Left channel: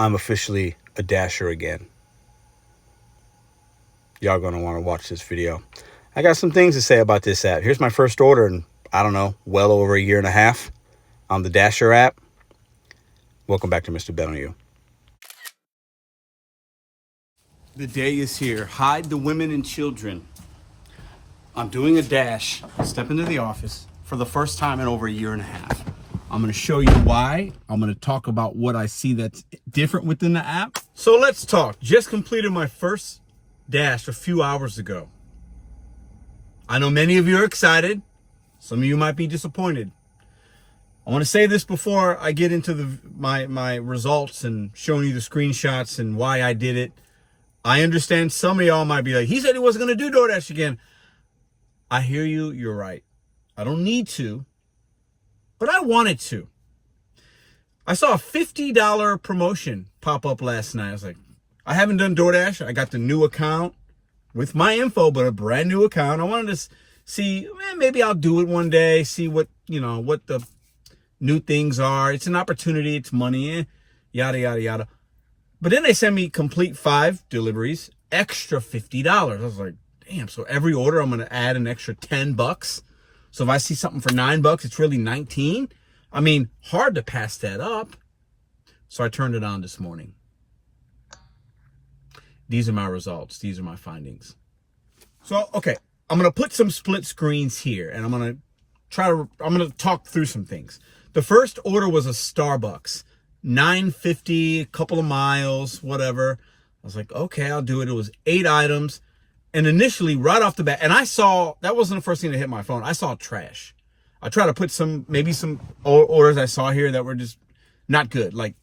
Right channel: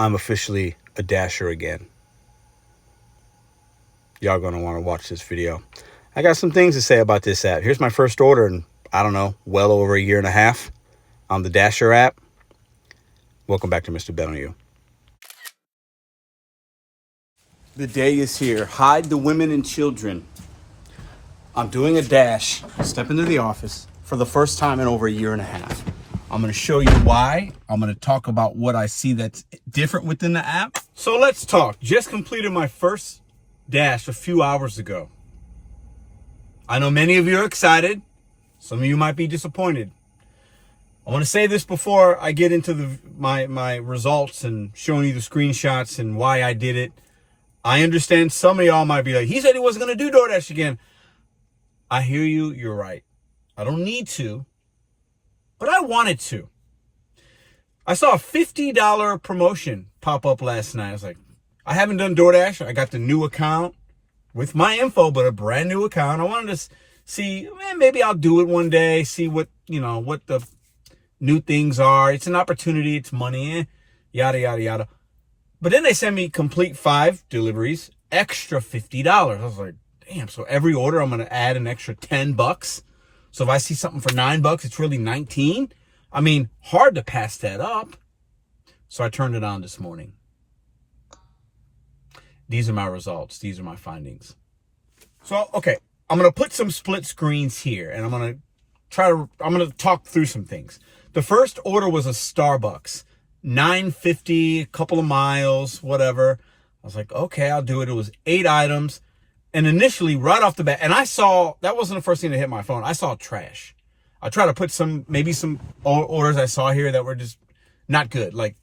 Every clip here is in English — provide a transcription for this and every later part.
I'm officially a Dasher again. Y'all gonna want to watch this video. I got some things to say about this app. Here's my first order in, I don't know, well over a year and a half on the Dasher app. Welcome back to Mr.BetonYou. The day is here. Hide the women and children. I'm doing a dash. Step into the office for the first time in over a year and a half. I'm going to show you why. I'm going to talk about what I see that's different within the app. So let's talk. Just completed my first dash a few hours ago. I know many of you are excited. Some of you might be disappointed. I want to say this before I get into my results and showing you the screenshots and why I did it. I understand some of y'all might be like, he said he wasn't going to do DoorDash again. I hear you. You're right. I don't need to, but I wanted to. I saw a $50 promotion pop up last night. I was like, I haven't done DoorDash. I got the new account with my info, but a brand new account. I wanted to see, maybe I'll do it one day, see what the new things are. It's an opportunity. It's money, yada, yada, yada. But then they sent me complete 5 deliveries, extra $50. I was like, damn, so every order I'm going to add an extra $10. So if I see something for $9, it's really 19. I mean, hard to pass that up. So I turned it on this morning. These are my results. These are my findings. So, okay, I'm going to put some split screens here and I'm going to talk through some things. The first order was a Starbucks, $9.50, a couple of miles, whatever. I was like, okay, I'll do it. It was 8 items. And initially, right off the bat, and I saw, that wasn't the first thing that hit my phone. I saw trash. I tried to put maybe some orders I saw here that were just not good. Like,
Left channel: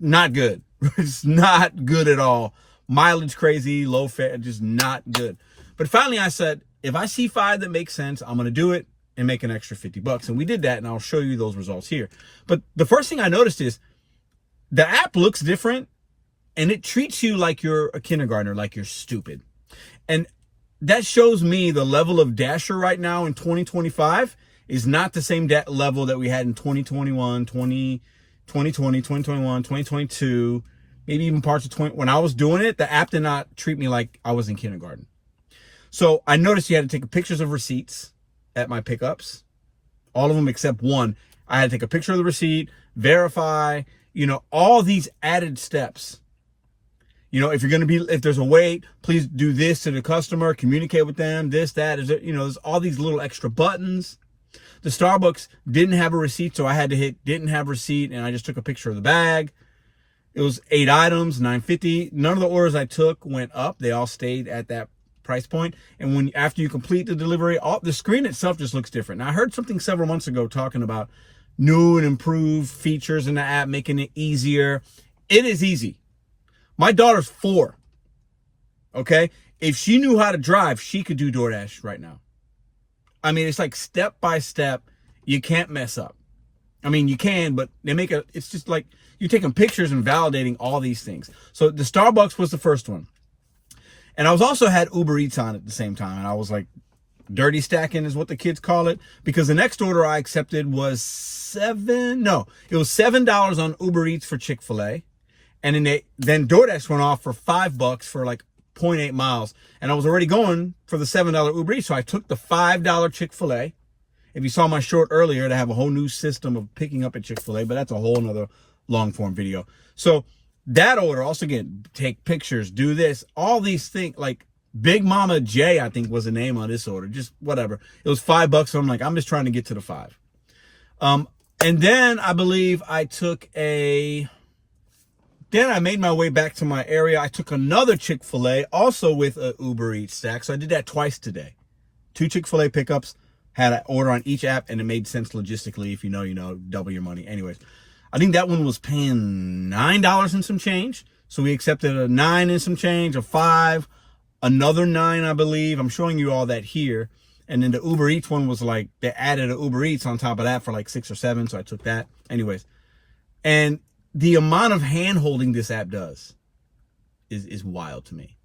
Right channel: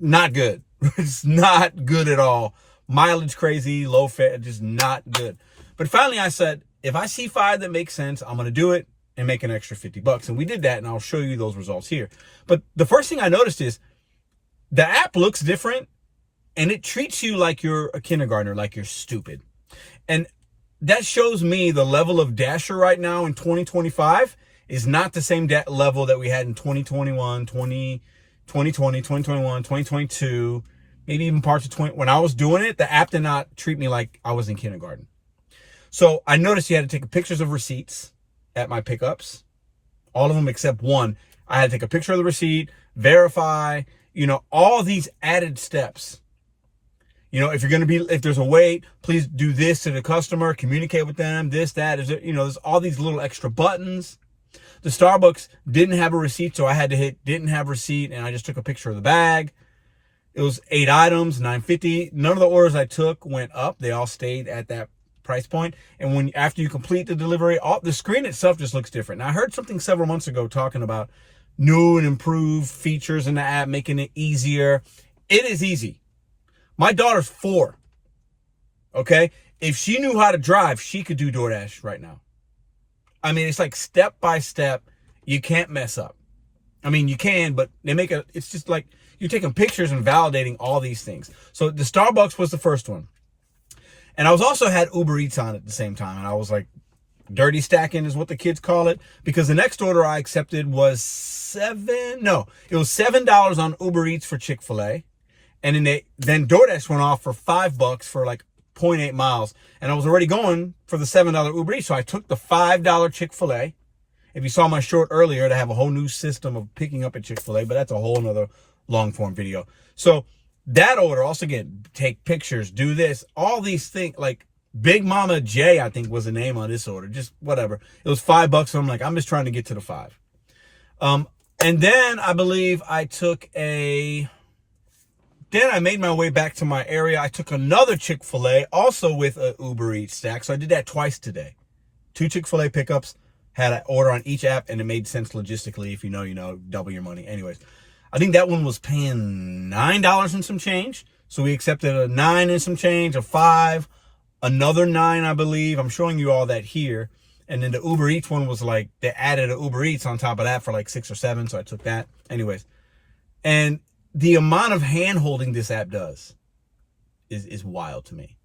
not good. It's not good at all. Mileage crazy, low fare, just not good. But finally I said, if I see 5 that make sense, I'm going to do it and make an extra $50. And we did that, and I'll show you those results here. But the first thing I noticed is the app looks different. And it treats you like you're a kindergartner, like you're stupid. And that shows me the level of Dasher right now in 2025 is not the same level that we had in 2021, 2020, 2021, 2022, maybe even parts of 20. When I was doing it, the app did not treat me like I was in kindergarten. So I noticed you had to take pictures of receipts at my pickups. All of them except one. I had to take a picture of the receipt, verify, all these added steps. If there's a wait, please do this to the customer, communicate with them, this, that, there's all these little extra buttons. The Starbucks didn't have a receipt, so I had to hit didn't have receipt, and I just took a picture of the bag. It was 8 items, $9.50. None of the orders I took went up. They all stayed at that price point. And after you complete the delivery, the screen itself just looks different. Now, I heard something several months ago talking about new and improved features in the app, making it easier. It is easy. My daughter's 4, okay? If she knew how to drive, she could do DoorDash right now. I mean, it's like step by step. You can't mess up. I mean, you can, but it's just like you're taking pictures and validating all these things. So the Starbucks was the first one. And I also had Uber Eats on at the same time. And I was like, dirty stacking is what the kids call it. Because the next order I accepted was $7 on Uber Eats for Chick-fil-A. And then DoorDash went off for $5 for like 0.8 miles. And I was already going for the $7 Uber Eats. So I took the $5 Chick-fil-A. If you saw my short earlier, to have a whole new system of picking up at Chick-fil-A, but that's a whole nother long form video. So that order, also again, take pictures, do this, all these things, like Big Mama J, I think was the name on this order, just whatever. It was $5. So I'm like, I'm just trying to get to the 5. And then I believe then I made my way back to my area. I took another Chick-fil-A, also with a Uber Eats stack. So I did that twice today. 2 Chick-fil-A pickups, had an order on each app, and it made sense logistically. If you know, double your money. Anyways, I think that one was paying $9 and some change. So we accepted a 9 and some change, a 5, another 9, I believe. I'm showing you all that here. And then the Uber Eats one was like, they added an Uber Eats on top of that for like 6 or 7. So I took that. Anyways, and the amount of hand holding this app does is wild to me.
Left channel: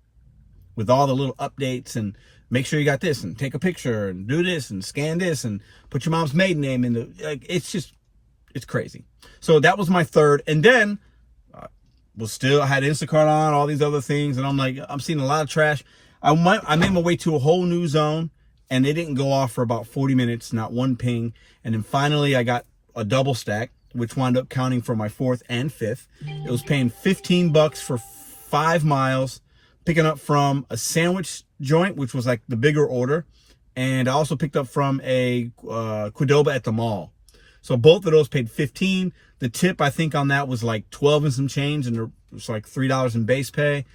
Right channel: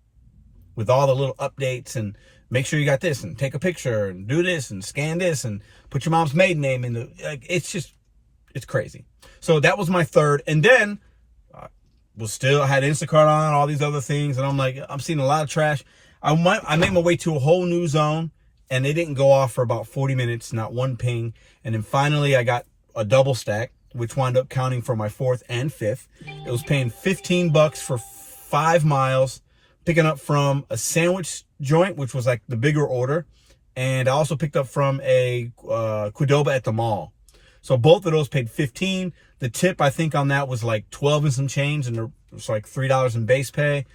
With all the little updates and make sure you got this and take a picture and do this and scan this and put your mom's maiden name in it's crazy. So that was my third. And then I had Instacart on, all these other things, and I'm like, I'm seeing a lot of trash. I made my way to a whole new zone, and it didn't go off for about 40 minutes, not one ping. And then finally I got a double stack, which wound up counting for my 4th and 5th. It was paying $15 for 5 miles, picking up from a sandwich joint, which was like the bigger order. And I also picked up from a Qdoba at the mall. So both of those paid $15. The tip, I think, on that was like 12 and some change, and it was like $3 in base pay.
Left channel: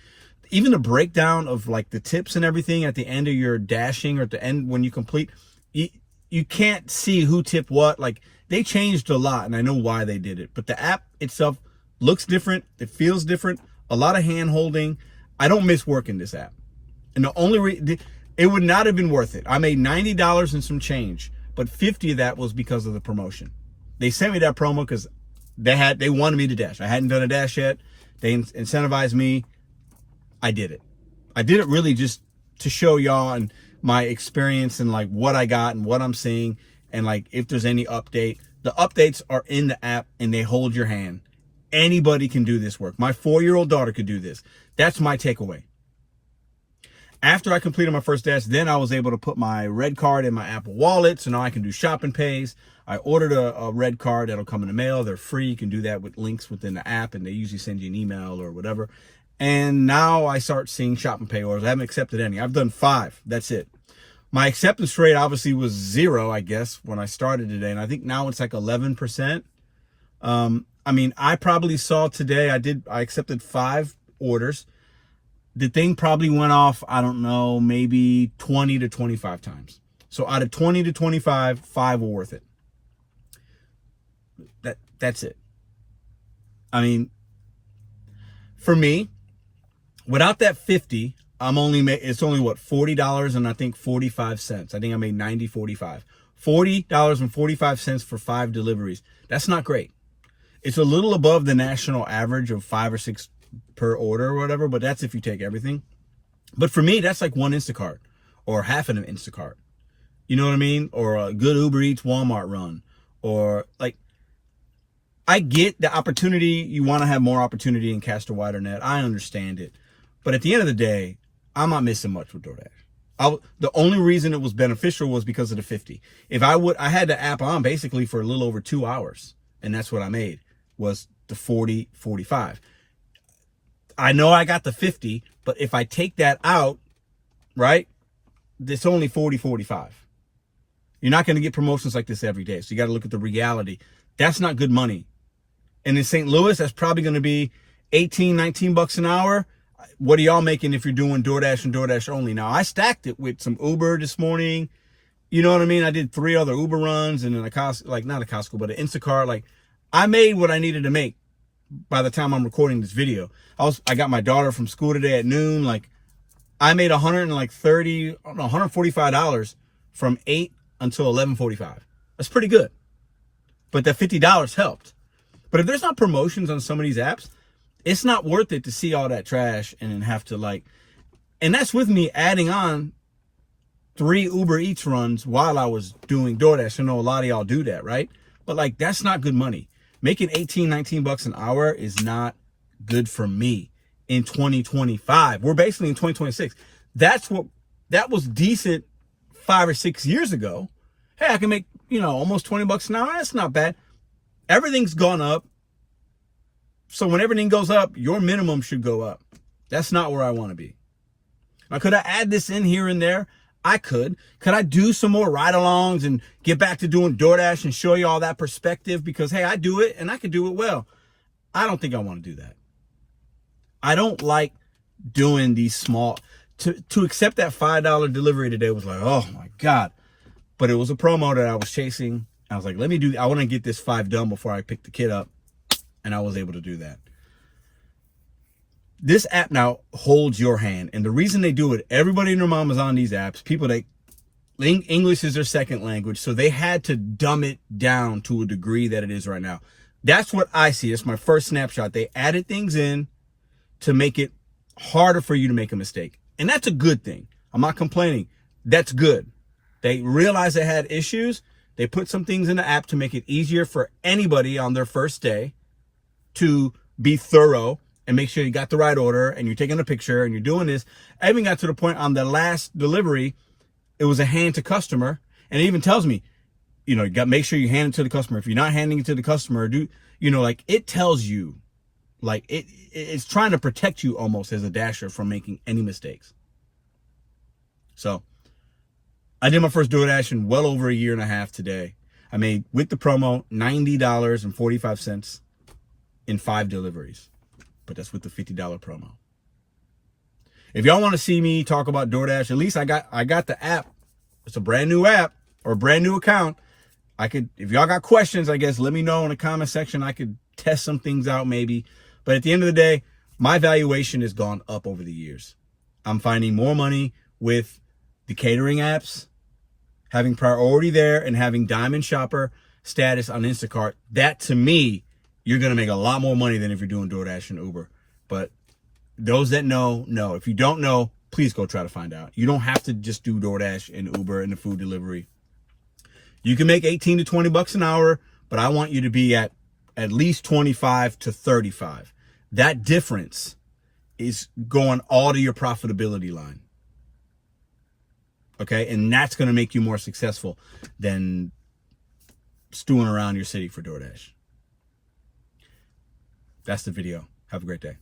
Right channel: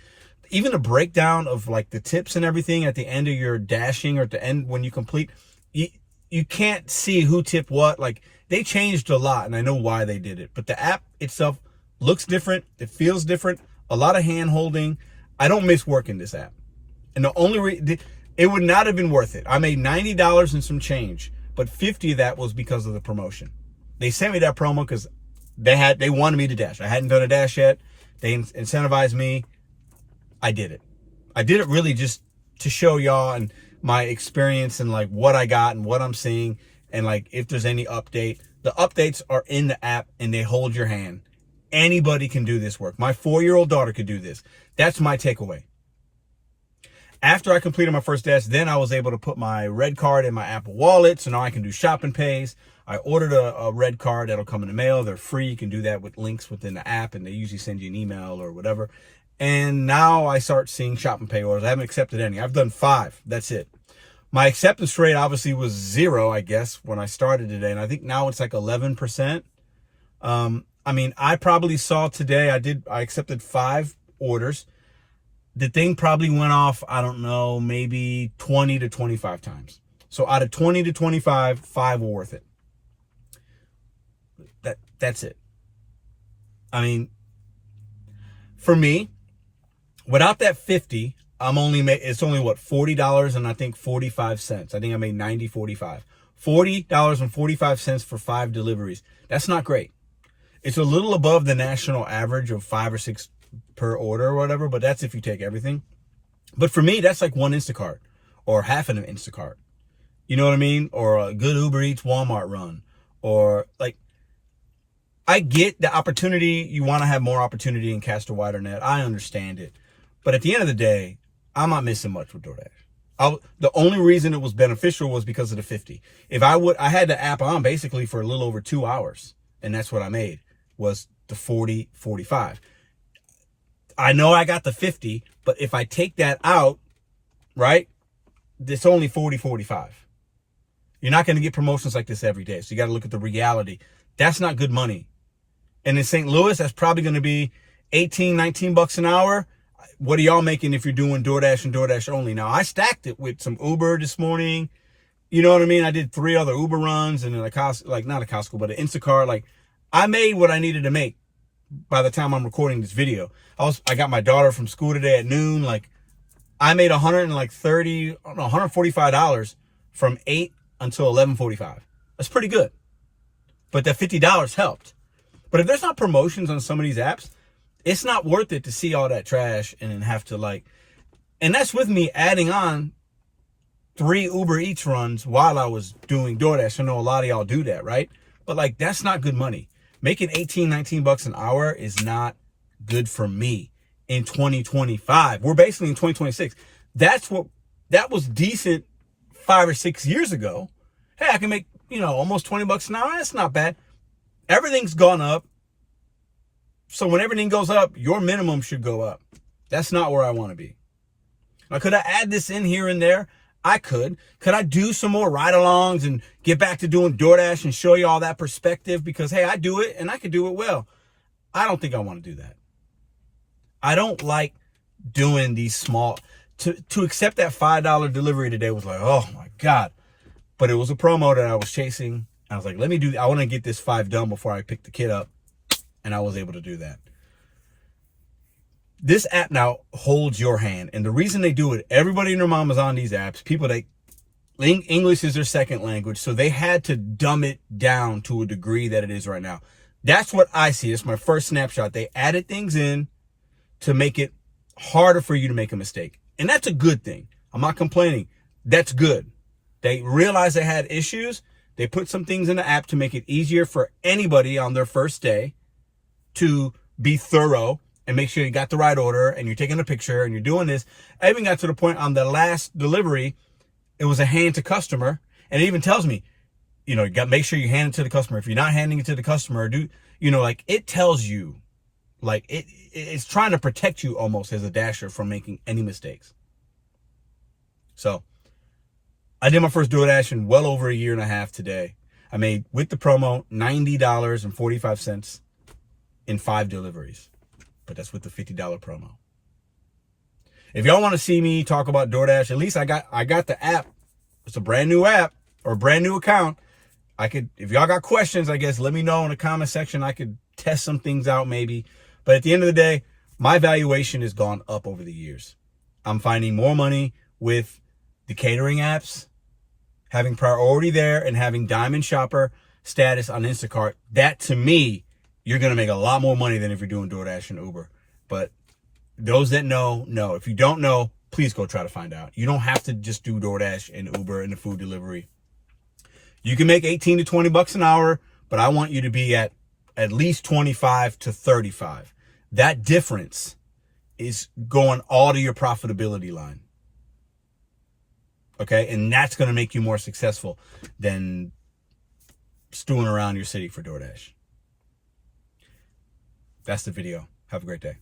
Even the breakdown of like the tips and everything at the end of your dashing, or at the end when you complete, you can't see who tipped what. Like, they changed a lot, and I know why they did it. But the app itself looks different. It feels different. A lot of hand holding. I don't miss working this app. And the only it would not have been worth it. I made $90 and some change, but 50 of that was because of the promotion. They sent me that promo because they wanted me to dash. I hadn't done a dash yet. They incentivized me. I did it. I did it really just to show y'all and my experience and like what I got and what I'm seeing, and like if there's any update. The updates are in the app and they hold your hand. Anybody can do this work. My 4-year-old daughter could do this. That's my takeaway. After I completed my first dash, then I was able to put my red card in my Apple Wallet, so now I can do shop and pays. I ordered a red card that'll come in the mail. They're free. You can do that with links within the app, and they usually send you an email or whatever. And now I start seeing shop and pay orders. I haven't accepted any. I've done 5. That's it. My acceptance rate obviously was 0, I guess, when I started today, and I think now it's like 11%. I mean, I probably saw today, I accepted 5 orders. The thing probably went off, I don't know, maybe 20 to 25 times. So out of 20 to 25, 5 were worth it. That's it. I mean, for me, without that 50, it's only what, $40 and I think 45 cents. I think I made 90.45. $40.45 for 5 deliveries. That's not great. It's a little above the national average of 5 or 6 per order or whatever, but that's if you take everything. But for me, that's like one Instacart or half an Instacart. You know what I mean? Or a good Uber Eats Walmart run. Or like, I get the opportunity. You want to have more opportunity and cast a wider net. I understand it. But at the end of the day, I'm not missing much with DoorDash. The only reason it was beneficial was because of the 50. I had the app on basically for a little over 2 hours, and that's what I made, was the 40, 45. I know I got the 50, but if I take that out, right, it's only 40, 45. You're not going to get promotions like this every day. So you got to look at the reality. That's not good money. And in St. Louis, that's probably going to be 18, 19 bucks an hour. What are y'all making if you're doing DoorDash and DoorDash only? Now, I stacked it with some Uber this morning. You know what I mean? I did 3 other Uber runs and then not a Costco, but an Instacart. Like, I made what I needed to make by the time I'm recording this video. I got my daughter from school today at noon. Like, I made $145 from 8 until 11:45. That's pretty good. But that $50 helped. But if there's not promotions on some of these apps, it's not worth it to see all that trash and then have to like, and that's with me adding on 3 Uber Eats runs while I was doing DoorDash. I know a lot of y'all do that, right? But like, that's not good money. Making 18, 19 bucks an hour is not good for me in 2025. We're basically in 2026. That was decent 5 or 6 years ago. Hey, I can make, almost 20 bucks an hour. That's not bad. Everything's gone up. So when everything goes up, your minimum should go up. That's not where I want to be. Now, could I add this in here and there? I could. Could I do some more ride-alongs and get back to doing DoorDash and show you all that perspective? Because, hey, I do it and I can do it well. I don't think I want to do that. I don't like doing these small... To accept that $5 delivery today was like, oh, my God. But it was a promo that I was chasing. I was like, I want to get this 5 done before I pick the kid up. And I was able to do that. This app now holds your hand. And the reason they do it, everybody and their mom is on these apps. People that English is their second language. So they had to dumb it down to a degree that it is right now. That's what I see. It's my first snapshot. They added things in to make it harder for you to make a mistake. And that's a good thing. I'm not complaining. That's good. They realized they had issues. They put some things in the app to make it easier for anybody on their first day to be thorough and make sure you got the right order and you're taking a picture and you're doing this. I even got to the point on the last delivery, it was a hand to customer, and it even tells me, you know, make sure you hand it to the customer. If you're not handing it to the customer, like it tells you, like it's trying to protect you almost as a Dasher from making any mistakes. So I did my first DoorDash in well over a year and a half today. I made, with the promo, $90.45 in 5 deliveries. But that's with the $50 promo. If y'all want to see me talk about DoorDash, at least I got the app. It's a brand new app or a brand new account. If y'all got questions, I guess let me know in the comment section. I could test some things out maybe. But at the end of the day, my valuation has gone up over the years. I'm finding more money with the catering apps, having priority there, and having Diamond Shopper status on Instacart. That, to me, you're going to make a lot more money than if you're doing DoorDash and Uber. But those that know. If you don't know, please go try to find out. You don't have to just do DoorDash and Uber and the food delivery. You can make 18 to 20 bucks an hour, but I want you to be at least 25 to 35. That difference is going all to your profitability line. Okay? And that's going to make you more successful than stewing around your city for DoorDash. That's the video. Have a great day.